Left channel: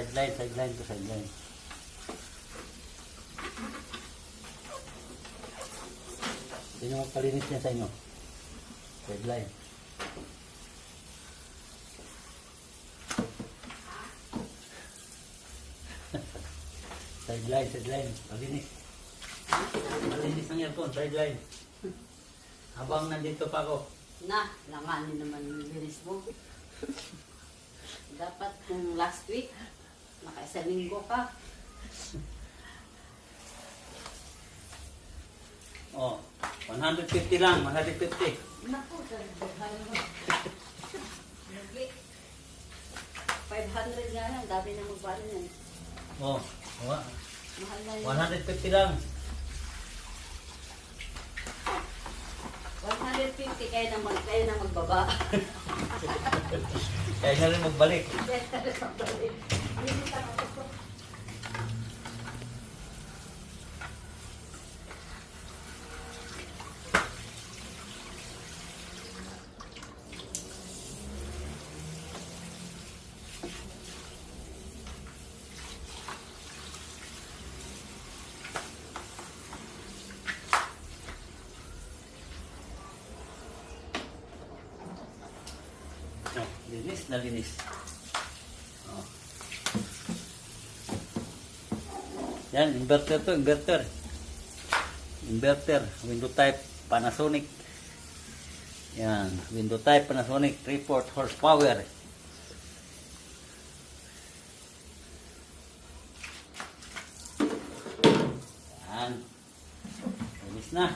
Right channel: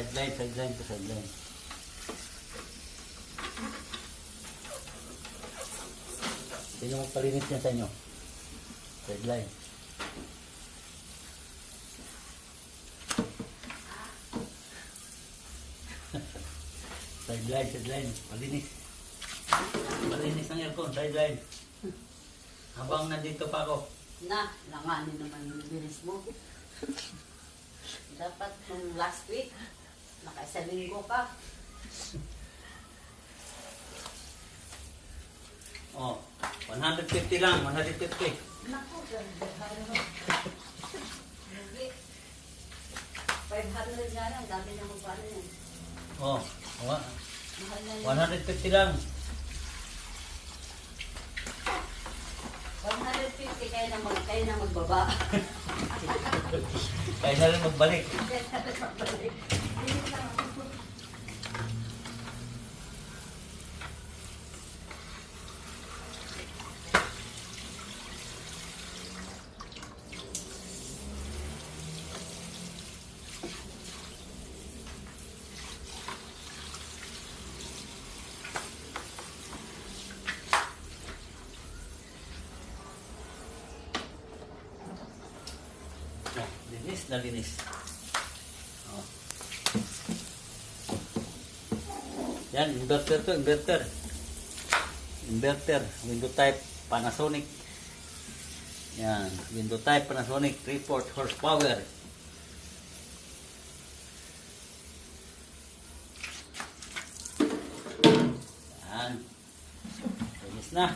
sideline, sideline to sideline. Sino magpalinis niya sa inyo? Sideline. Sideline, sideline. Malinis. Malinis ng aircon, sideline. Habang nandito pa ako. Na, langanin naman yung bilis mo. Dapat kung last week, nakaisa linggo ka. Oh, 150 lang, 150. Naku, ganda mo. 500 nga lang, dati na magpano yan. Oh, Mahal na yun. 150 lang. 150, kaya na magbaba. Kaya na lang magbalik. Kaya na magbalik. Dito lang ako. Oh, linis na linis. Oh. Yan, inverter to, inverter. Inverter, window type Panasonic. Yan, window type Panasonic 3/4 horsepower. Yan. Linis na.